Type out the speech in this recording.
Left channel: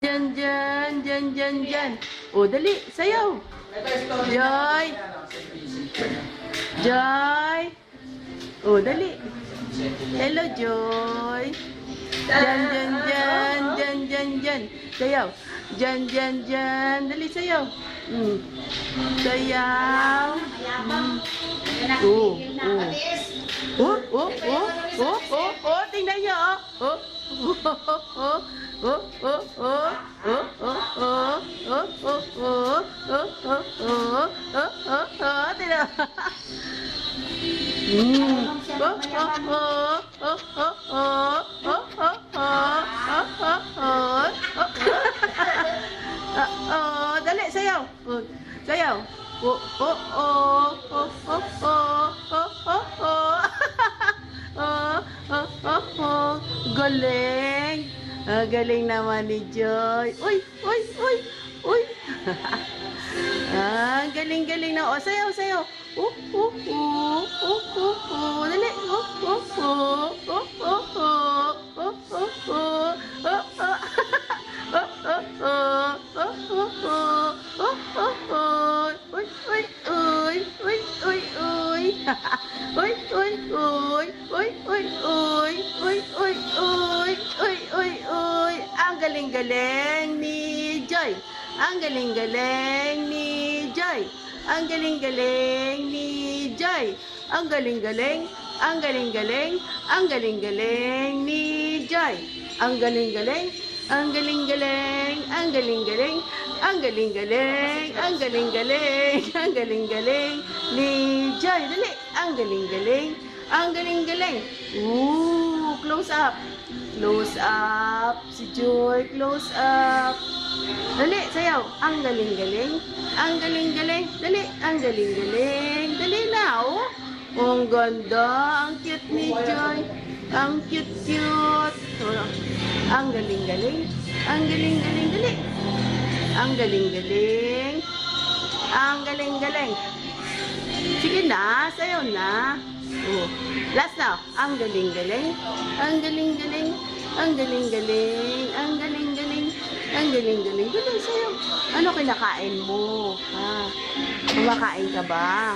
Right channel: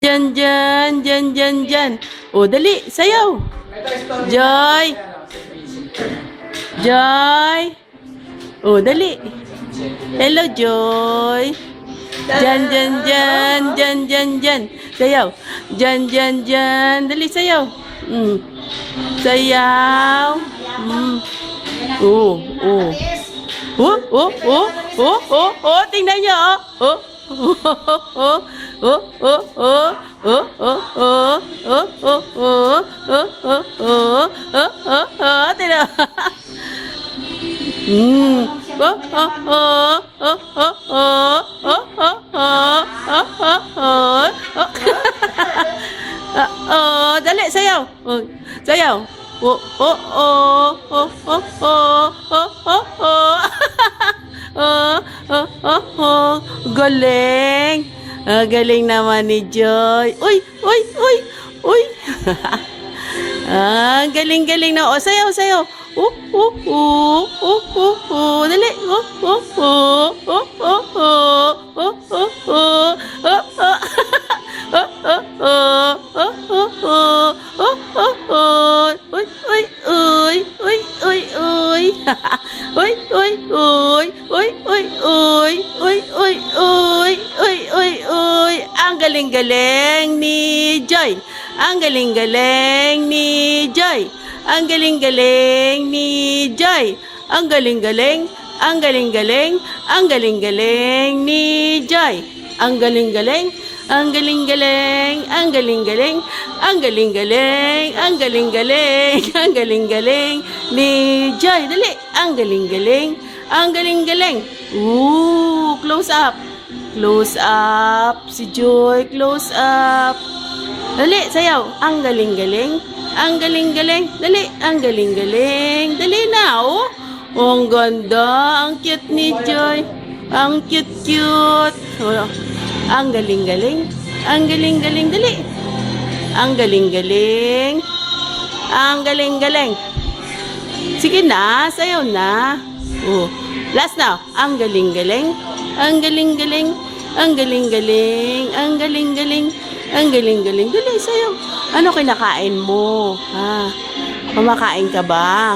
Dyan, dyan, dyan, dyan, dyan. O, dali, sayaw. Joy. Joy. O, dali. Hello, Joy. Dyan, dyan, dyan, dyan, dyan, dyan. Sayaw. Dyan, dyan, dyan. Dali, sayaw. Sayaw. Oh, oh. Tingnan niyo, oh. Tingnan. Dali, sayaw. Sayaw. Galing. Galing naman ni Joy. Uy. Galing na. O, sayaw. Dali. Ang galing-galing ni Joy. Ang galing-galing ni Joy. Ang galing-galing ni Joy. Ang galing-galing. Ang galing-galing. Ang galing-galing ni Joy. Ang galing-galing. Ang galing-galing. Ang galing-galing. Ang galing-galing. Ang galing-galing. Ang galing-galing ni Joy. Dali. Ang galing-galing. Ang galing-galing. Close up. Close up. Si Joy. Close up. Dali, sayaw. Ang galing-galing. Ang galing-galing. Dali. Ang galing-galing. Dali na, oh. Ang ganda. Ang cute ni Joy. Ang cute-cute. Ang galing-galing. Ang galing-galing. Dali. Ang galing-galing. Ang galing-galing. Sige na, sayaw na. Last now. Ang galing-galing. Ang galing-galing. Ang galing-galing. Ang galing-galing. Ang galing-galing. Dali, sayaw. Ano kinakain mo? Kumakain ka ba?